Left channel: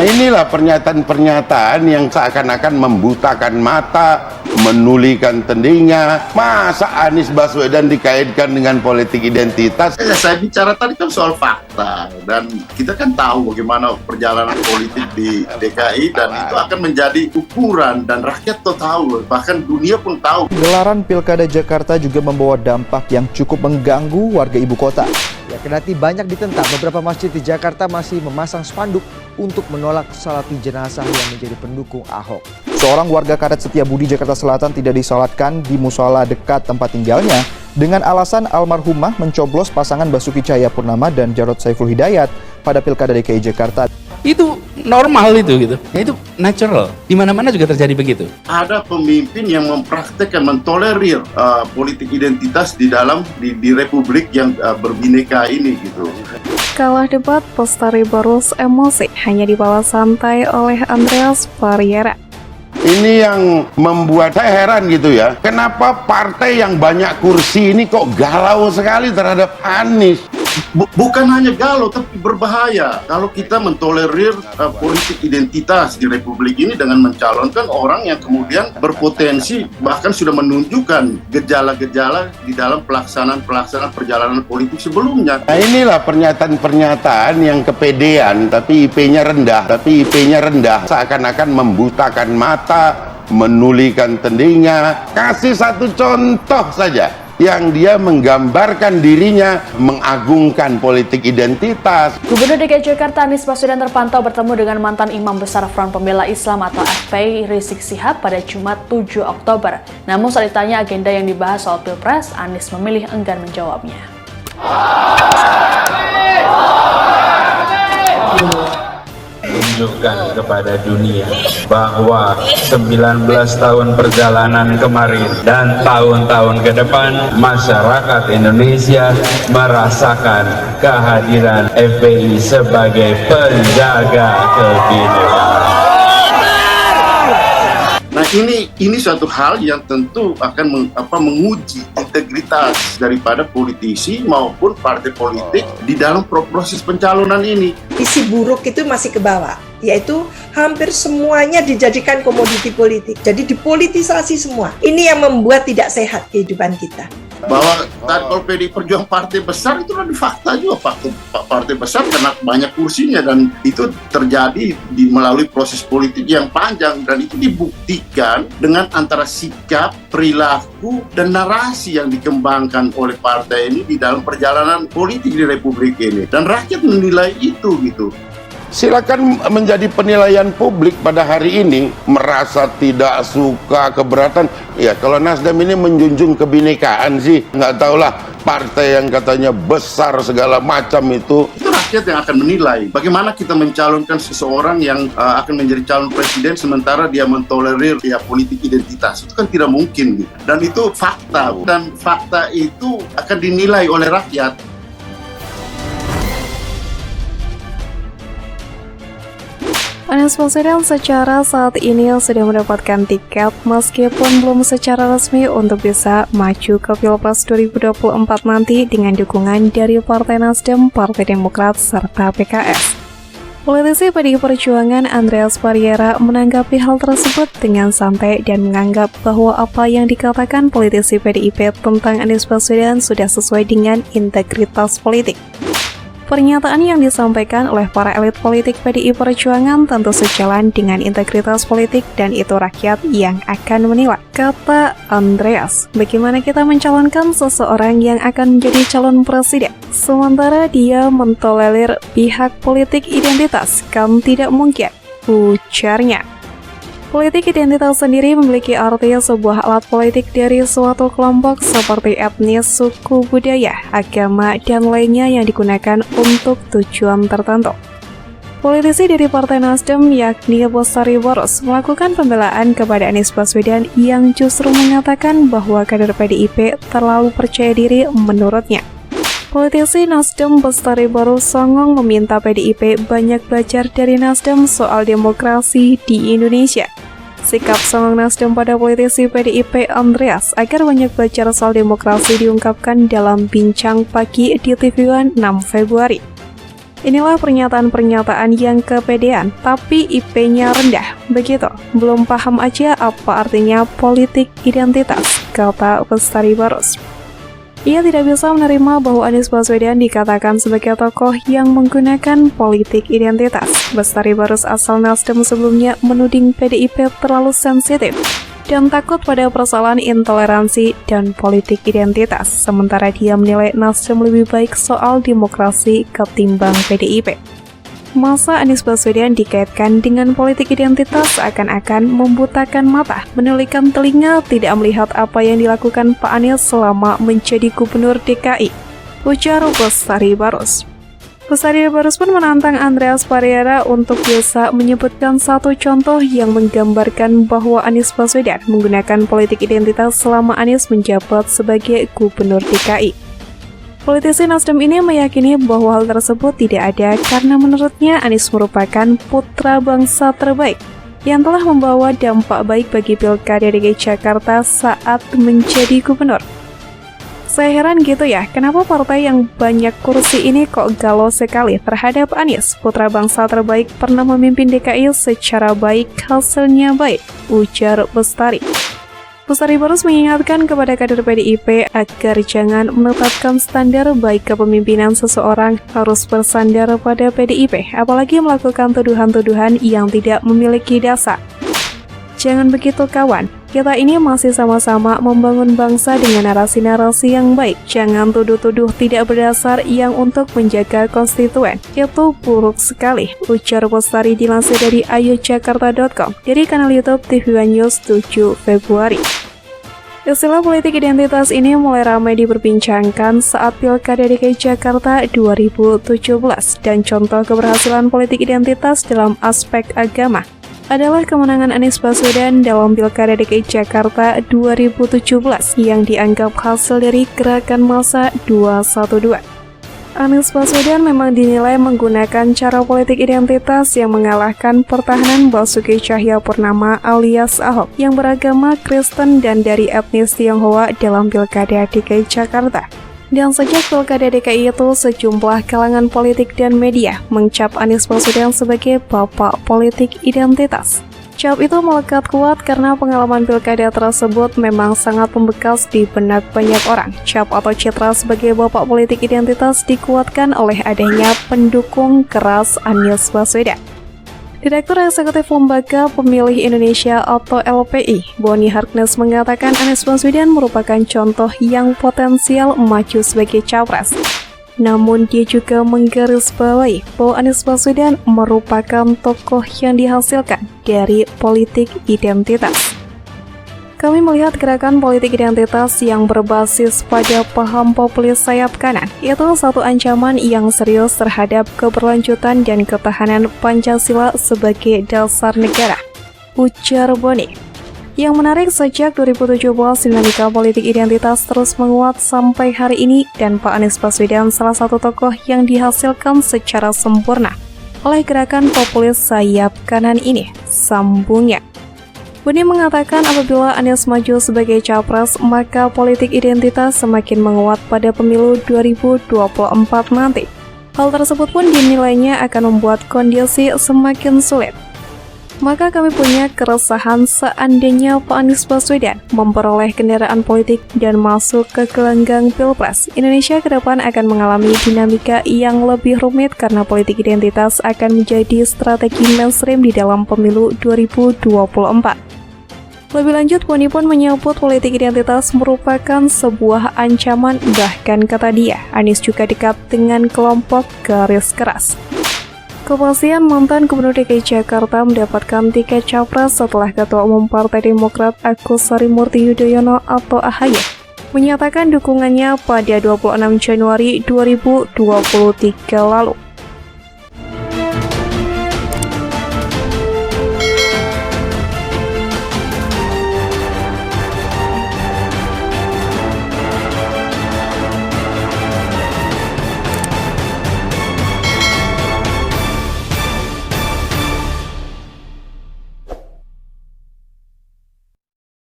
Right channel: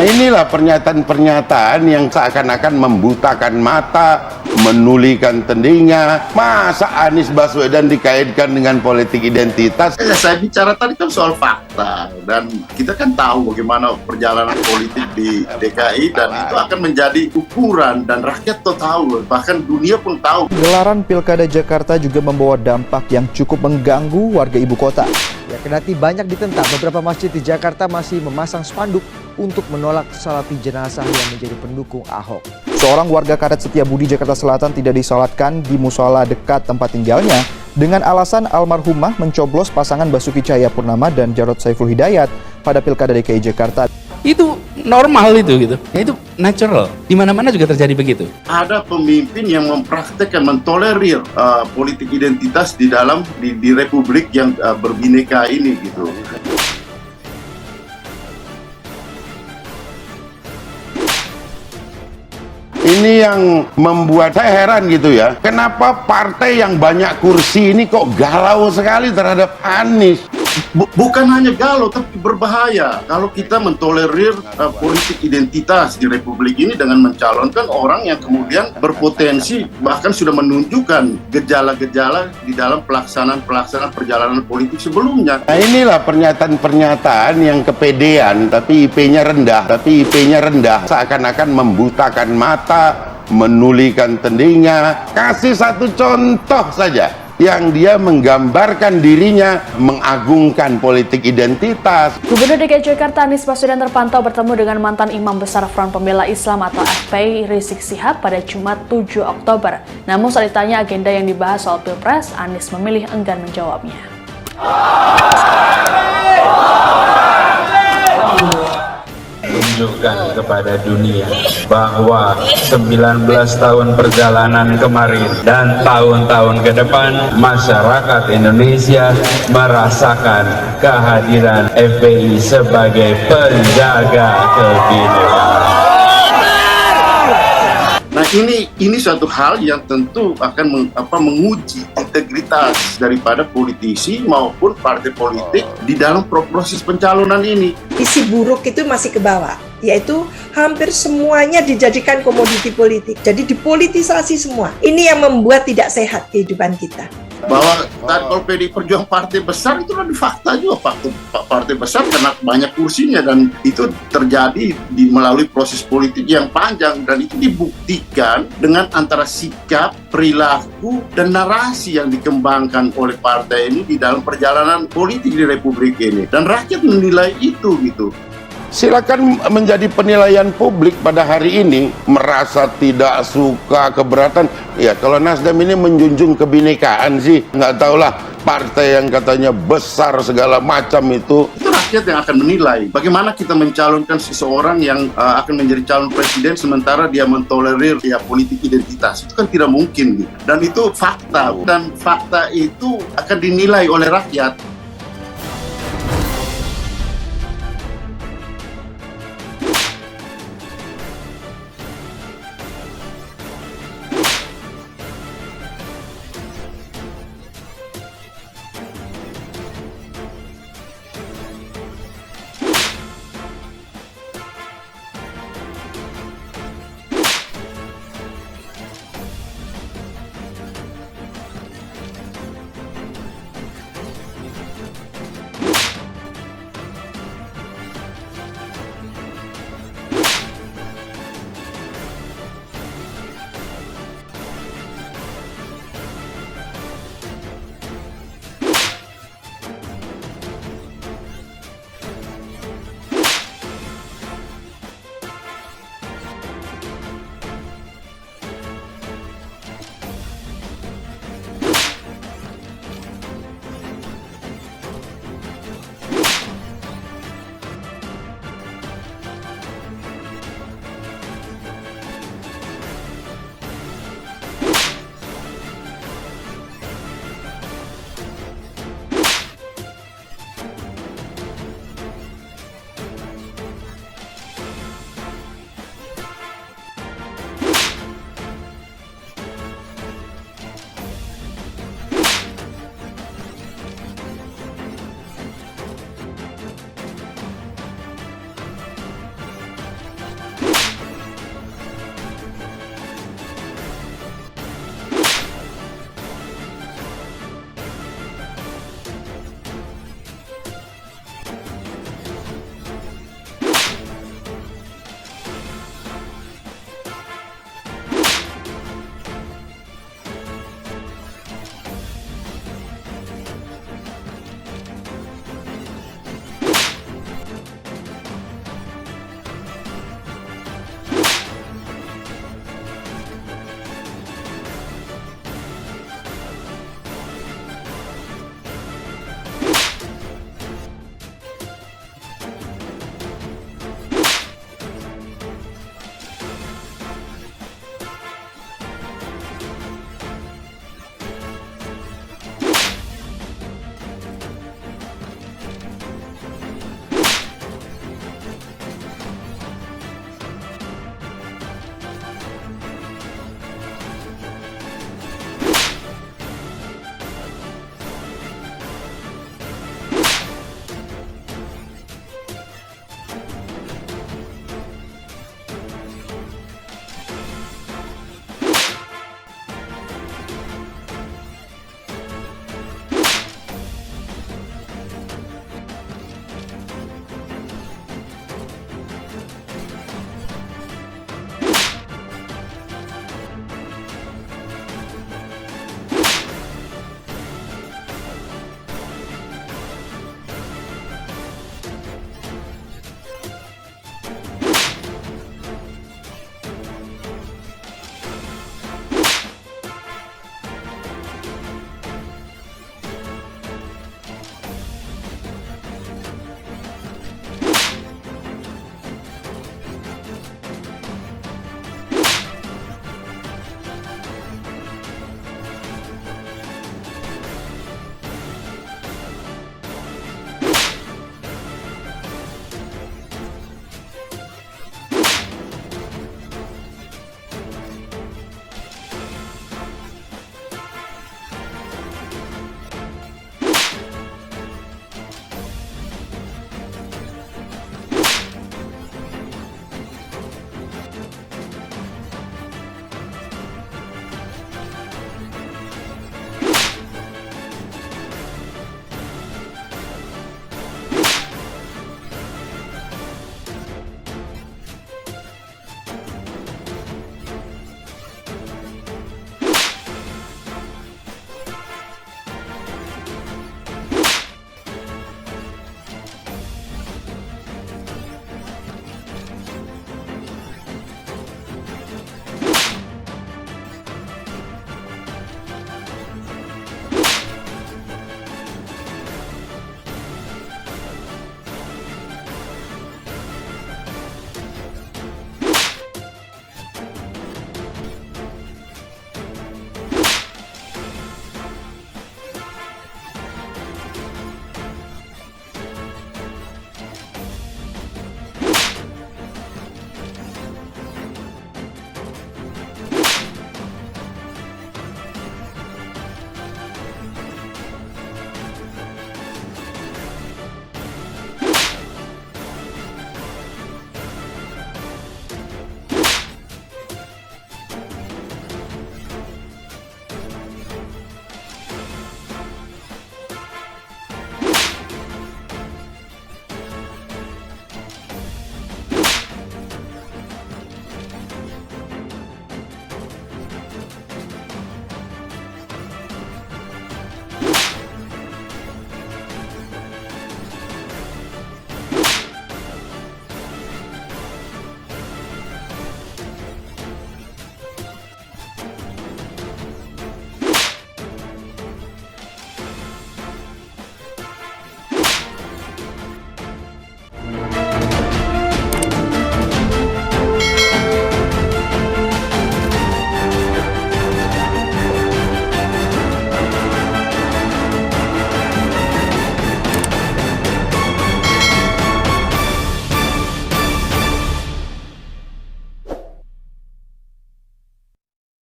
Nah, inilah pernyataan-pernyataan yang seakan-akan membutakan mata, menulikan telinga. Masa Anies Baswedan dikaitkan dengan politik identitas? Saya bicara tadi kan soal fakta, dan kita kan tahu bagaimana perjalanan politik di DKI, dan itu akan menjadi ukuran, dan rakyat tahu, bahkan dunia pun tahu. Gelaran Pilkada Jakarta juga membawa dampak yang cukup mengganggu warga ibu kota. Ya, kendati banyak ditentang, beberapa masjid di Jakarta masih memasang spanduk untuk menolak salati jenazah yang menjadi pendukung Ahok. Seorang warga Karet Setiabudi, Jakarta Selatan tidak disolatkan di musola dekat tempat tinggalnya dengan alasan almarhumah mencoblos pasangan Basuki Cahayapurnama dan Jarod Saiful Hidayat pada Pilkada DKI Jakarta. Itu normal itu gitu. Itu natural. Di mana-mana juga terjadi begitu. Ada pemimpin yang mempraktekkan, mentolerir politik identitas di dalam di republik yang berbineka ini gitu. Kalah debat, Lestari Barus emosi hanya dibawa santai oleh Andreas Pariera. Ini yang membuat saya heran gitu ya. Kenapa partai yang banyak kursi ini kok galau sekali terhadap Anies? Bukan hanya galau, tapi berbahaya kalau kita mentolerir politik identitas di republik ini dengan mencalonkan orang yang kemudian berpotensi bahkan sudah menunjukkan gejala-gejala di dalam pelaksanaan perjalanan politik sebelumnya. Nah, inilah pernyataan-pernyataan yang kepedean tapi IP-nya rendah, seakan-akan membutakan mata, menulikan telinga. Kasih satu contoh saja yang dia menggambarkan dirinya mengagungkan politik identitas. Gubernur DKI Jakarta Anies Baswedan terpantau bertemu dengan mantan Imam Besar Front Pembela Islam atau FPI Rizik Syihab pada Jumat 7 Oktober. Namun saat ditanya agenda yang dibahas soal Pilpres, Anies memilih enggan menjawabnya. Tunjukkan kepada dunia bahwa 19 tahun perjalanan kemarin dan tahun-tahun ke depan masyarakat Indonesia merasakan kehadiran FPI sebagai penjaga kebinekaan. Nah, ini suatu hal yang tentu akan menguji integritas daripada politisi maupun partai politik di dalam proses pencalonan ini. Isi buruk itu masih ke bawah, yaitu hampir semuanya dijadikan komoditi politik. Jadi dipolitisasi semua. Ini yang membuat tidak sehat kehidupan kita. Bahwa kalau PDI Perjuangan partai besar itu kan fakta juga, partai besar karena banyak kursinya, dan itu terjadi melalui proses politik yang panjang, dan itu dibuktikan dengan antara sikap, perilaku, dan narasi yang dikembangkan oleh partai ini di dalam perjalanan politik di republik ini, dan rakyat menilai itu gitu. Silakan menjadi penilaian publik pada hari ini. Merasa tidak suka, keberatan. Ya, kalau Nasdem ini menjunjung kebinekaan sih, nggak tahulah, partai yang katanya besar segala macam itu Rakyat yang akan menilai bagaimana kita mencalonkan seseorang yang akan menjadi calon presiden sementara dia mentolerir politik identitas. Itu kan tidak mungkin gitu. Dan itu fakta, dan fakta itu akan dinilai oleh rakyat. Anies Baswedan secara saat ini sudah mendapatkan tiket meskipun belum secara resmi untuk bisa maju ke Pilpres 2024 nanti dengan dukungan dari Partai Nasdem, Partai Demokrat, serta PKS. Politisi PDI Perjuangan Andreas Pariera menanggapi hal tersebut dengan santai dan menganggap bahwa apa yang dikatakan politisi PDIP tentang Anies Baswedan sudah sesuai dengan integritas politik. Pernyataan yang disampaikan oleh para elit politik PDI Perjuangan tentu sejalan dengan integritas politik dan itu rakyat yang akan menilai. Kata Andreas, bagaimana kita mencalonkan seseorang yang akan menjadi calon presiden, sementara dia mentolerir pihak politik identitas, kan tidak mungkin, ujarnya. Politik identitas sendiri memiliki arti sebuah alat politik dari suatu kelompok seperti etnis, suku, budaya, agama, dan lainnya yang digunakan untuk tujuan tertentu. Politisi dari Partai Nasdem yakni Lestari Barus melakukan pembelaan kepada Anies Baswedan yang justru mengatakan bahwa kader PDIP terlalu percaya diri menurutnya. Politisi Nasdem Lestari Barus songong meminta PDIP banyak belajar dari Nasdem soal demokrasi di Indonesia. Sikap songong Nasdem pada politisi PDIP Andreas agar banyak belajar soal demokrasi diungkapkan dalam bincang pagi di TV One 6 Februari. Inilah pernyataan-pernyataan yang kepedean, tapi IP-nya rendah. Begitu, belum paham aja apa artinya politik identitas, kata Bestari Barus. Ia tidak bisa menerima bahwa Anies Baswedan dikatakan sebagai tokoh yang menggunakan politik identitas. Bestari Barus asal Nasdem sebelumnya menuding PDIP terlalu sensitif dan takut pada persoalan intoleransi dan politik identitas, sementara dia menilai Nasdem lebih baik soal demokrasi ketimbang PDIP. Masa Anies Baswedan dikaitkan dengan politik identitas seakan-akan membutakan mata, menulikan telinga, tidak melihat apa yang dilakukan Pak Anies selama menjadi gubernur DKI, ujar Bestari Barus. Bestari Barus pun menantang Andreas Pariara untuk bisa menyebutkan satu contoh yang menggambarkan bahwa Anies Baswedan menggunakan politik identitas selama Anies menjabat sebagai gubernur DKI. Politisi Nasdem ini meyakini bahwa hal tersebut tidak ada karena menurutnya Anies merupakan putra bangsa terbaik yang telah membawa dampak baik bagi Pilkada DKI Jakarta saat menjadi gubernur. Saya heran gitu ya, kenapa partai yang banyak kursi ini kok galau sekali terhadap Anies, putra bangsa terbaik pernah memimpin DKI secara baik, hasilnya baik, ujar Bestari. Bestari Barus mengingatkan kepada kader PDIP agar jangan menetapkan standar baik kepemimpinan seseorang harus bersandar pada PDIP, apalagi melakukan tuduhan-tuduhan yang tidak memiliki dasar. Jangan begitu kawan, kita ini masih sama-sama membangun bangsa dengan narasi-narasi yang baik. Jangan tuduh-tuduh tidak berdasar yang untuk menjaga konstituen. Itu buruk sekali, ujar Bestari dilansir dari ayojakarta.com dari kanal YouTube TV One News 7 Februari. Istilah politik identitas ini mulai ramai diperbincangkan saat Pilkada DKI Jakarta 2017 dan contoh keberhasilan politik identitas dalam aspek agama adalah kemenangan Anies Baswedan dalam Pilkada DKI Jakarta 2017 yang dianggap hasil dari gerakan massa 212. Anies Baswedan memang dinilai menggunakan cara politik identitas yang mengalahkan pertahanan Basuki Cahayapurnama alias Ahok yang beragama Kristen dan dari etnis Tionghoa dalam Pilkada DKI Jakarta. Dan sejak Pilkada DKI itu, sejumlah kalangan politik dan media mencap Anies Baswedan sebagai bapak politik identitas. Cap itu melekat kuat karena pengalaman pilkada tersebut memang sangat membekas di benak banyak orang. Cap atau citra sebagai bapak politik identitas dikuatkan oleh adanya pendukung keras Anies Baswedan. Direktur Eksekutif Lembaga Pemilih Indonesia atau LPI, Boni Harkness mengatakan Anies Baswedan merupakan contoh yang potensial maju sebagai capres. Namun dia juga menggarisbawahi bahwa Anies Baswedan merupakan tokoh yang dihasilkan dari politik identitas. Kami melihat gerakan politik identitas yang berbasis pada paham populis sayap kanan itu satu ancaman yang serius terhadap keberlanjutan dan ketahanan Pancasila sebagai dasar negara, ujar Boni. Yang menarik, sejak 2017 dinamika politik identitas terus menguat sampai hari ini dan Pak Anies Baswedan salah satu tokoh yang dihasilkan secara sempurna oleh gerakan populis sayap kanan ini, sambungnya. Boni mengatakan apabila Anies maju sebagai capres, maka politik identitas semakin menguat pada pemilu 2024 nanti. Hal tersebut pun dinilainya akan membuat kondisi semakin sulit. Maka kami punya keresahan seandainya Pak Anies Baswedan memperoleh kendaraan politik dan masuk ke gelanggang Pilpres. Indonesia ke depan akan mengalami dinamika yang lebih rumit karena politik identitas akan menjadi strategi mainstream di dalam pemilu 2024. Lebih lanjut, Boni pun menyebut politik identitas merupakan sebuah ancaman, bahkan kata dia, Anies juga dekat dengan kelompok garis keras. Kepastian mantan Gubernur DKI Jakarta mendapatkan tiket capres setelah Ketua Umum Partai Demokrat Agus Harimurti Yudhoyono atau AHY menyatakan dukungannya pada 26 Januari 2023 lalu.